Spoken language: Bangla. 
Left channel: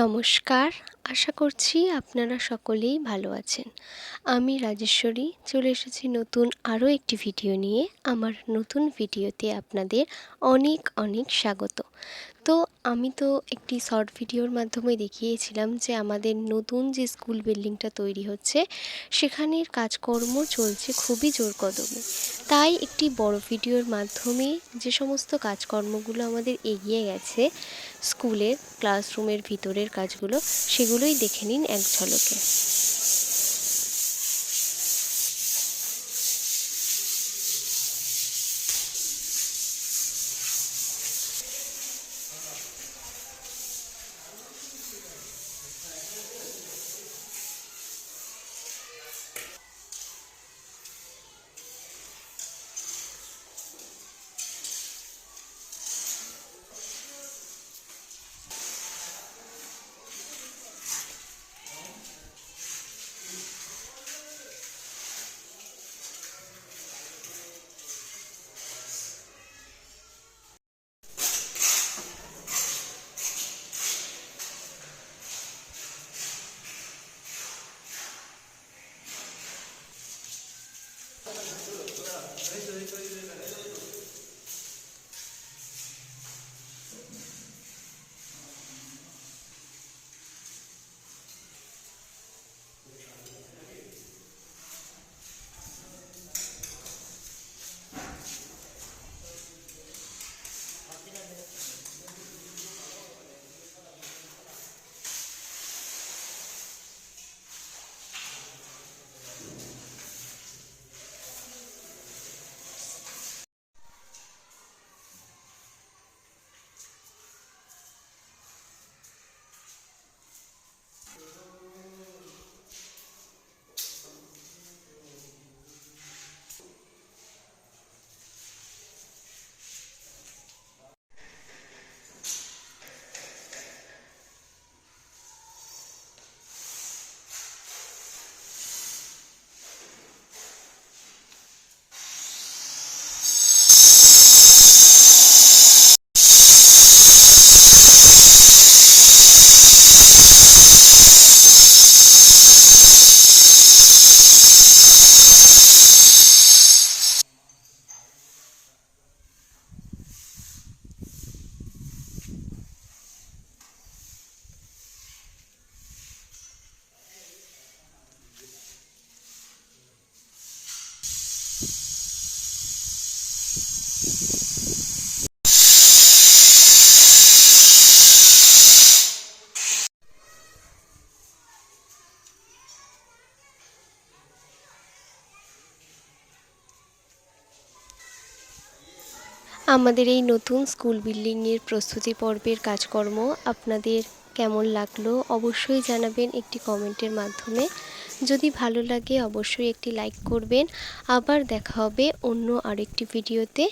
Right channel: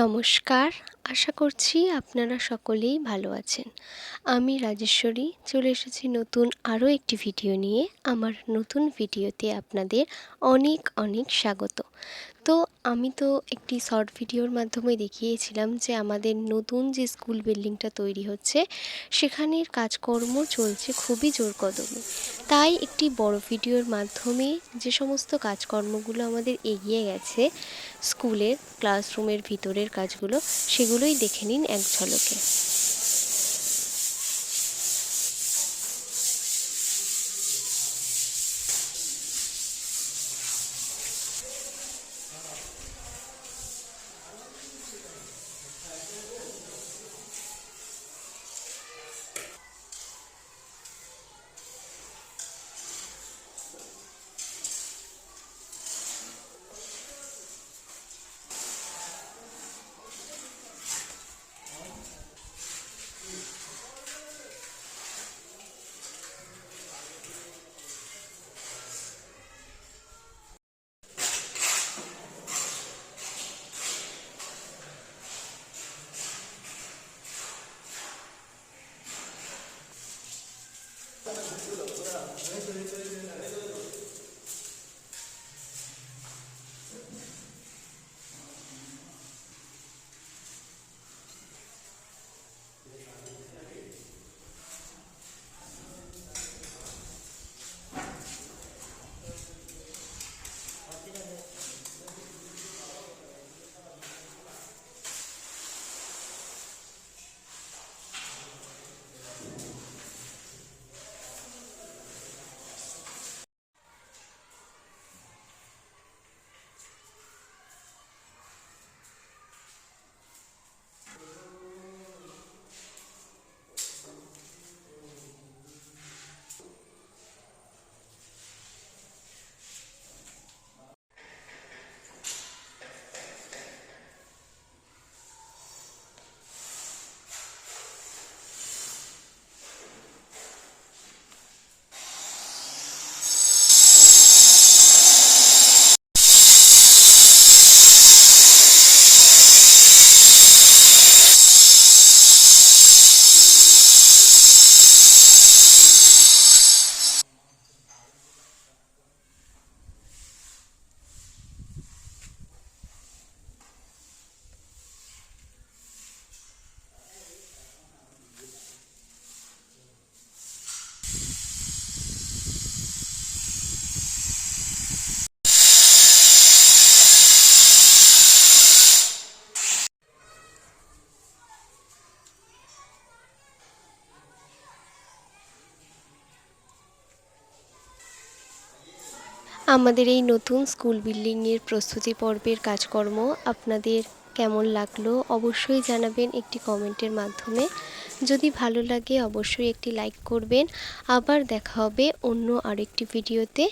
নমস্কার, আশা করছি আপনারা সকলেই ভালো আছেন। আমি রাজেশ্বরী চলে এসেছি নতুন আরও একটি ভিডিও নিয়ে। আমার নতুন ভিডিওতে আপনাদের অনেক অনেক স্বাগত। তো আমি তো একটি শর্ট ভিডিওর মাধ্যমে দেখিয়েছিলাম যে আমাদের নতুন যে স্কুল বিল্ডিংটা তৈরি হচ্ছে সেখানের কাজকর্ম চলছে খুবই জোর কদমে। তাই একটি বড় ভিডিওর মাধ্যমে যে সমস্ত কাজকর্মগুলো আমাদের এগিয়ে গেছে স্কুলের ক্লাসরুমের ভিতরের কাজগুলো, সেগুলোই দেখে নিন এক ঝলকে। আমাদের এই নতুন স্কুল বিল্ডিংয়ের প্রস্তুতি পর্বের কাজকর্ম আপনাদের কেমন লাগলো অবশ্যই জানাবেন একটি কমেন্টের মাধ্যমে। যদি ভালো লাগে অবশ্যই একটি লাইক করবেন। আবার দেখা হবে অন্য আরেকটি ভিডিওতে।